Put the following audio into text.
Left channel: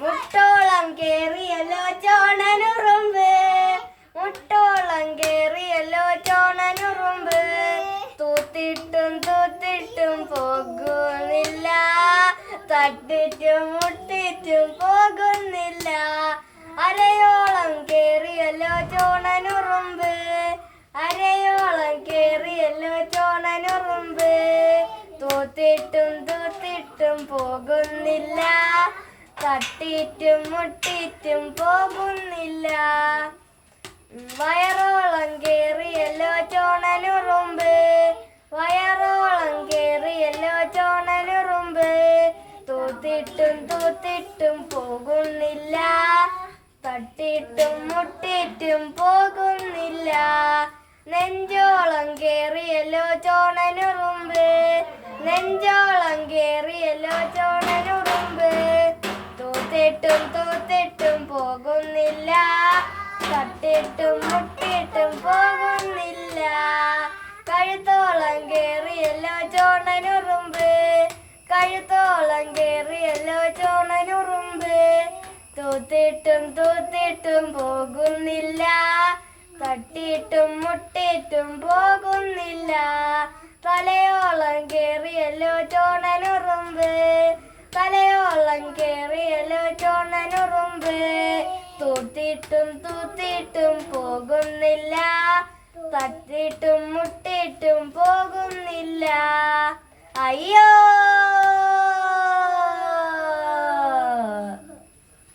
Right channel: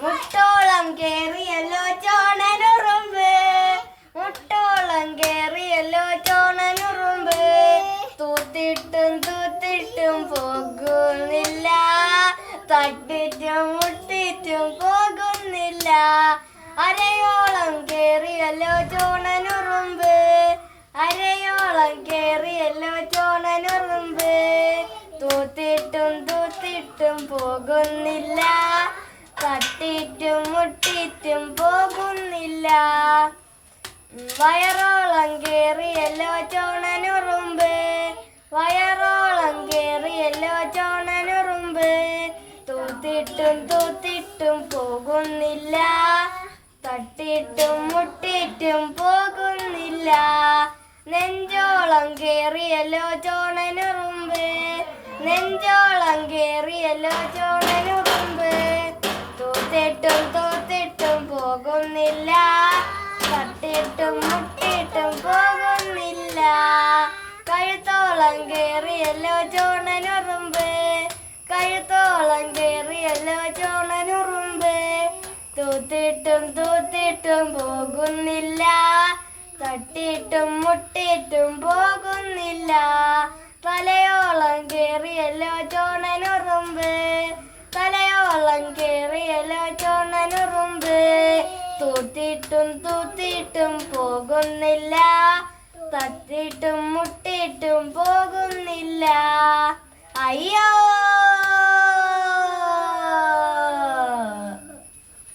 മുട്ടോളം കേറിയല്ലോ ചോണനുറുമ്പ്, മുട്ടോളം കേറിയല്ലോ ചോണനുറുമ്പ്. തൂത്തിട്ടും തൂത്തിട്ടും പോകുന്നില്ല, തട്ടിച്ചും മുട്ടിച്ചും പോകുന്നില്ല. അരയോളം കേറിയല്ലോ ചോണനുറുമ്പ്, അരയോളം കേറിയല്ലോ ചോണനുറുമ്പ്. തൂത്തിട്ടും തൂത്തിട്ടും പോകുന്നില്ല, തട്ടിറ്റും മുട്ടിറ്റും പോകുന്നില്ല. വയറോളം കേറിയല്ലോ ചോണനുറുമ്പ്, വയറോളം കേറിയല്ലോ ചോണനുറുമ്പ്. തൂത്തിട്ടും തൂത്തിട്ടും പോകുന്നില്ല, തട്ടിട്ടും മുട്ടിറ്റും പോകുന്നില്ല. നെഞ്ചോളം കേറിയല്ലോ ചോണനുറുമ്പ്, നെഞ്ചോളം കേറിയല്ലോ ചോണനുറുമ്പ്. തൂത്തിട്ടും തൂത്തിട്ടും പോകുന്നില്ല, തട്ടിട്ടും മുട്ടിട്ടും പോകുന്നില്ല. കഴുത്തോളം കേറിയല്ലോ ചോണനുറുമ്പ്, കഴുത്തോളം കേറിയല്ലോ ചോണനുറുമ്പ്. തൂത്തിട്ടും തൂത്തിട്ടും പോകുന്നില്ല, തട്ടിയിട്ടും മുട്ടിയിട്ടും പോകുന്നില്ല. തലയോളം കേറിയല്ലോ ചോണനുറുമ്പ്, തലയോളം കേറിയല്ലോ ചോണനുറുമ്പ്. തൂത്തിട്ടും തൂത്തിട്ടും പോകുന്നില്ല, തട്ടിയിട്ടും മുട്ടിയിട്ടും പോകുന്നില്ല. അയ്യോ.